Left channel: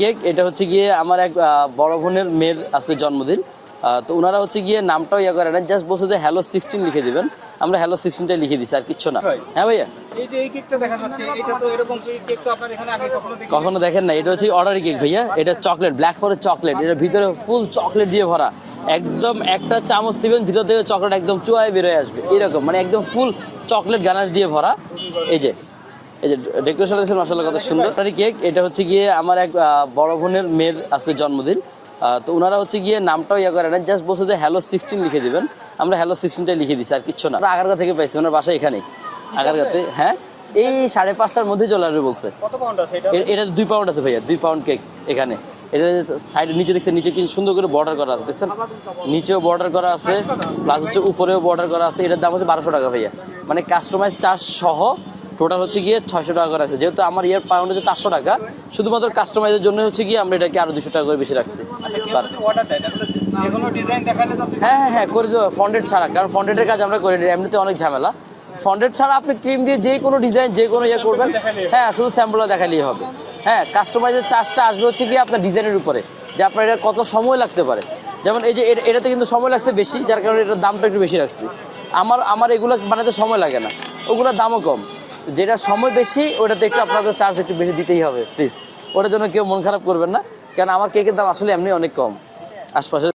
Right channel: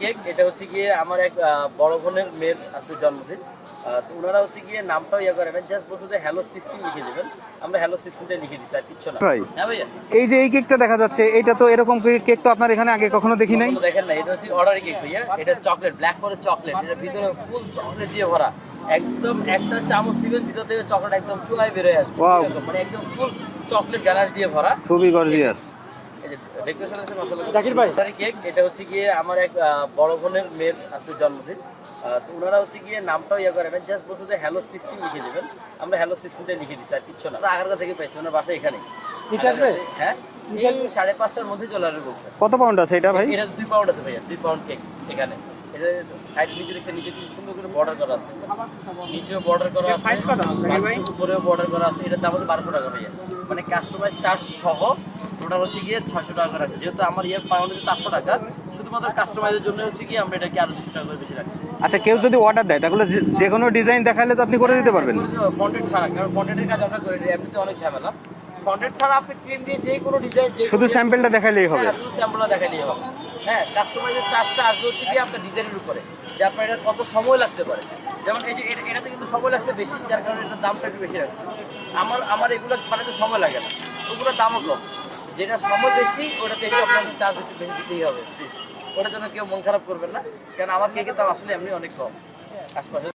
Cake এটা হচ্ছে গিয়ে আমার এক বড় বোনের মেয়ের আজকে জন্মদিন। তো ওনারা হচ্ছে গিয়ে নামটাও ইয়ে করে না জাস্ট বলছে যে হ্যালো সিক্সটিন লিখে দিবেন। আমরা হ্যালো সিক্সটিনটাই লিখে দিচ্ছি আর কিচ্ছু না। হ্যাঁ ভাইয়া? এই যে এই কেকটা দেখা যাচ্ছে এটা তো এরকম কেক তো আপনার এখানে আগে কখনো দেখি কখনো দেখেন না এটা হচ্ছে অর্ডারি কেক ভাইয়া এটা চকলেট ব্ল্যাক ফরেস্ট চকলেট এটার ভিতরে ফুল চকলেট দিয়ে ভরা। একদম একটা চামচ দিবেন ভিতর থেকে চকলেট একদম চুয়ায় বেরোয় আসবে। এরকম মানে একদম ফুল চকলেট গানার দিয়ে ভরা। খুবই গর্জিয়াস এই যে ডেকোরেশন আছে মশলা কথা সুন্দর। কেক এটা হচ্ছে গিয়ে আমার এক বড় বোনের মেয়ের আজকে জন্মদিন। তো ওনারা হচ্ছে গিয়ে নামটাও ইয়ে করে না জাস্ট বলছে যে হ্যালো সিক্সটিন লিখে দিবেন। আমরা হ্যালো সিক্সটিনটাই লিখে দিচ্ছি আর কিচ্ছু না। আগারগা থেকে পাইছি ওনার বাসা এখানে আগারগাতে হ্যাঁ? এই সাড়ে পাঁচটার মধ্যে চলে আসবে বলছে। কত পাউন্ড আছে এটা এটা দুই পাউন্ড আছে ভাইয়া দুই পাউন্ড কেক এখানে। এটা সাইডে নিচে দেখছেন নিচে কি সুন্দর করে বর্ডার করা আছে দেখছেন? নিচেও বর্ডার করা আছে প্লাস হচ্ছে উপরেও বর্ডার করা আছে এটার দাম হচ্ছে বারোশো টাকা ভাইয়া। মানে কাস্টমাইজ চার্জ সহ টোটাল হচ্ছে গিয়ে ছয়শো টাকা করে আছে। যেহেতু আমার ইয়ার পাউন্ড হচ্ছে চারশো টাকা শুধুমাত্র কাস্টমাইজের জন্য হচ্ছে গিয়ে আমরা এটাকে আরও দুশো টাকা করে বেশি রাখছি। আচ্ছা কেউ যদি অর্ডার দেয় তাহলে যে- যে কোনো ডিজাইন দেখালে তো আপনি করে হ্যাঁ দিতে হ্যাঁ পারবেন। করে দেবো। ফন্ডেড ছাড়া কারণ ফন্ডেডের কাজ আমরা করে নিই এমনিতে অনেক ঝামেলা। ফন্ডেড ছাড়া আপনি ক্রিম দিয়ে যে কোনো ডিজাইন যে কোনো ইয়ে স্যাম্পলটা করবেন, দেখালেই হবে। হ্যাঁ শুধু স্যাম্পলটা দেখালেই হবে। হ্যাঁ কাস্টমাইজের চার্জটা আসবে হচ্ছে গিয়ে আপনার ডিজাইনের উপরে যে আপনার এটা কত সময় লাগতে পারে। যেমন এই যে এটাতে কিন্তু সময় লাগছে বেশি যার কারণে এটার দামটা একটু বেশি রাখছি। আমার আমার এগুলো বানাতে সময় লাগে না। ওগুলোর দামও কম। যেটা সময় বেশি ওটাতে একটু আপনাদের চার্জ একটু বেশি দিতেই হবে প্লিজ ওটার জন্য কেউ মন খারাপ করবেন না। কারণ আমার কেকের দাম আসলে এমনি অনেক কম। আশপাশে